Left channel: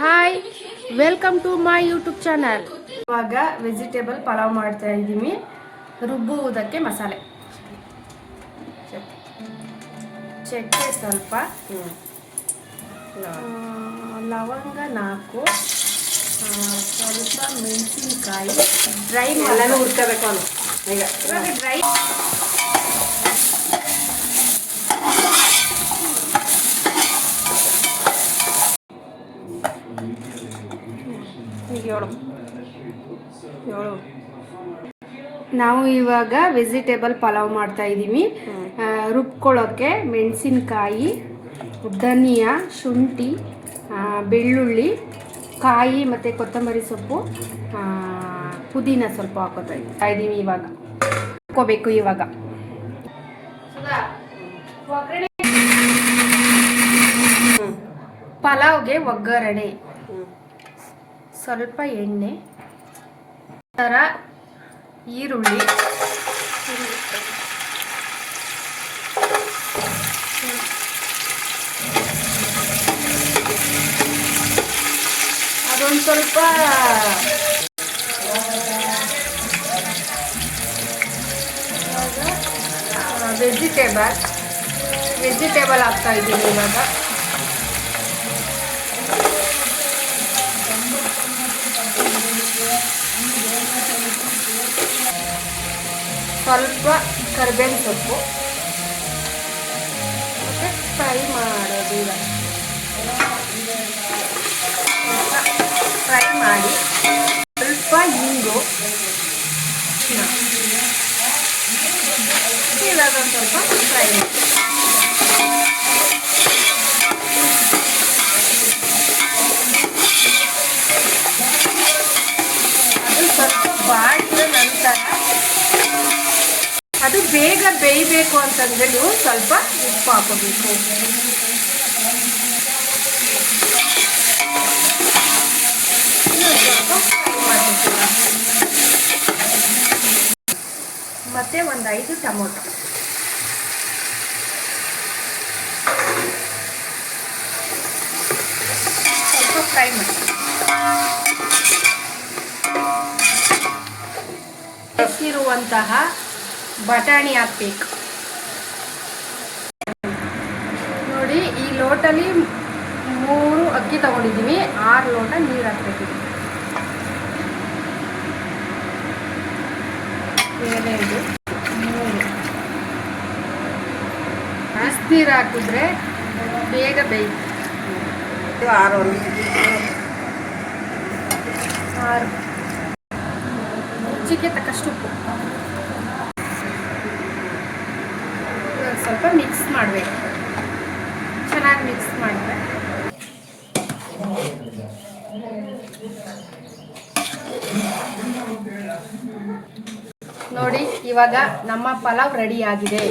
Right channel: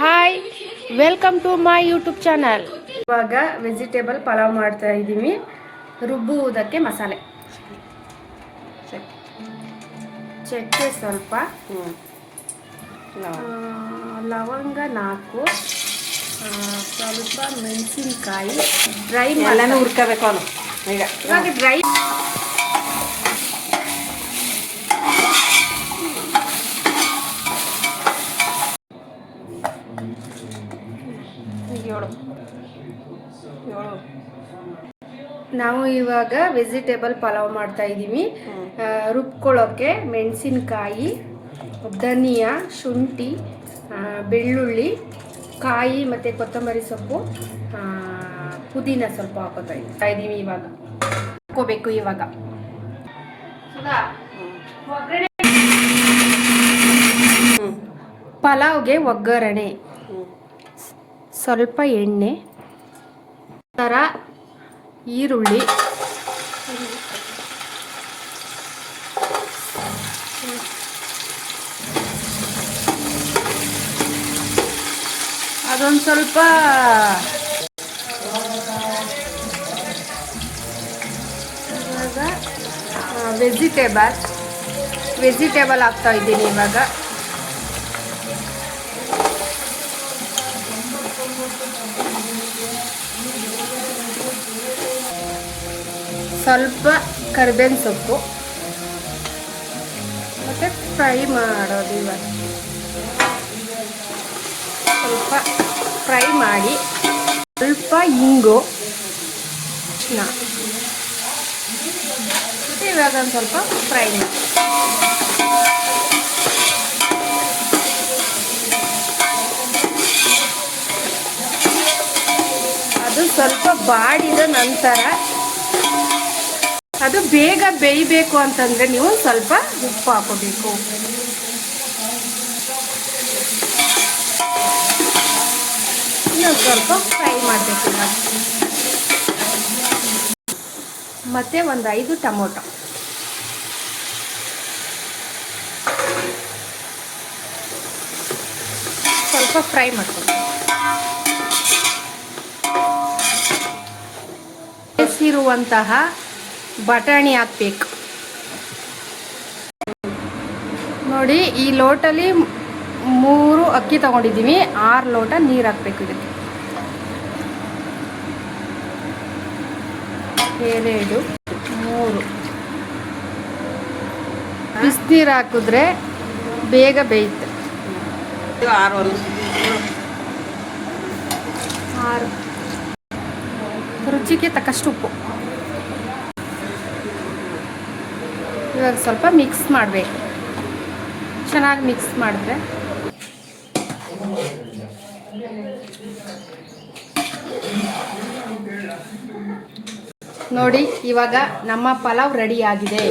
Hi, welcome to my YouTube channel. ಇವಾಗ vegetable pulao ಮಾಡ್ತಾ ಇದ್ದೀವಿ. ರುಬ್ಬುವುದಕ್ಕೆ ಮಸಾಲೆ, ಚಕ್ಕೆ ಸ್ವಲ್ಪ, ಲವಂಗ 4, ಸ್ವಲ್ಪ ಮೆಣಸಿನ್ಕಾಯಿ, ಡ್ರೈ ಎಲ್ಲ ಹುರ್ಕೋಬೇಕು. ಇವಾಗ ಡ್ರೈ ನಾವು ಇವಾಗ ವೆಜಿಟೇಬಲ್ ಪಲಾವ್ ಮಾಡ್ತಾ ಇದ್ದೀವಿ. ರುಬ್ಕೊಳ್ಳೋಕ್ಕೆ ಮೆಣಸಿನ್ಕಾಯಿ, ಧನಿಯಾ, ಶುಂಠಿ, ಬೆಳ್ಳುಳ್ಳಿ, ಕಾಯಿ ಮತ್ತು ಕೊತ್ತಂಬರಿ ಸೊಪ್ಪು, ಪುದೀನ ಸ್ವಲ್ಪ ಹಾಕೋತಾ ಇದ್ದೀವಿ. ಇವಾಗ ಹಾಕೋಬೇಕು. ಇವಾಗ ಪಲಾವ್ಗೆ ಒಗ್ಗರಣೆ, ಸ್ವಲ್ಪ ಎಣ್ಣೆ, ಥರ ಈರುಳ್ಳಿ, ಅದೊಂದು ಸ್ವಲ್ಪ ವೆಜಿಟೇಬಲ್ ಹಾಕ್ತಾ ಇದ್ದೀನಿ. ಇವಾಗ ಸ್ವಲ್ಪ ಕರಿಬೇವಿನ ಸೊಪ್ಪು ಮತ್ತು ಫ್ರೈ ಮಾಡೋದು. ಇವಾಗ ಸ್ವಲ್ಪ ಫ್ರೈ ಮಾಡಿ, ಸ್ವಲ್ಪ ಹಿಂಗು, ಇವಾಗ ಒಂದು ಸ್ವಲ್ಪ ಫ್ರೈ ಮಾಡಿ, ಅದು ಸ್ವಲ್ಪ ಬಾಡಿದ ನಂತರ ಅದು ಬೇಗ ಬೇಯಬೇಕು ಅಂತಂದರೆ ನೀವು ಸ್ವಲ್ಪ ಉಪ್ಪು ಹಾಕೋಬೇಕು. ಇನ್ನೊಂದು ಸ್ವಲ್ಪ ಫ್ರೈ ಮಾಡಬೇಕು. ಮತ್ತು ಒಂದು 5 ಟೊಮೊಟೊ, ಸ್ವಲ್ಪ ಫ್ರೈ ಮಾಡ್ತೀನಿ. ಇರುವಂತಹ ಬಟಾಣಿ ಹಾಕ್ಬೇಕು. ನೋಡಿ, ಈ ಲೋಟಲ್ಲಿ 3 ಅಕ್ಕಿ ತಗೊಂಡಿದ್ದೀವಿ. 6 ಲೋಟ ನೀರು ಹಾಕ್ಬೇಕು. ಇದಕ್ಕೆ 2, 3 ಬಿಸಿನೀರು ಹಾಕಿದ್ರೆ ಬೇಗ ಬೇಯುತ್ತೆ. 6 ರುಚಿಗೆ ತಕ್ಕಷ್ಟು ಉಪ್ಪು. ಇವಾಗ ಸ್ವಲ್ಪ ಮಿಕ್ಸ್ ಮಾಡಬೇಕು. ಚೆನ್ನಾಗಿ ಮಿಕ್ಸ್ ಮಾಡಿದ್ರೆ ನೋಡಿ, ಇವಾಗ ನಮ್ಮ ಪಲಾವ್ ರೆಡಿ ಆಗಿದೆ.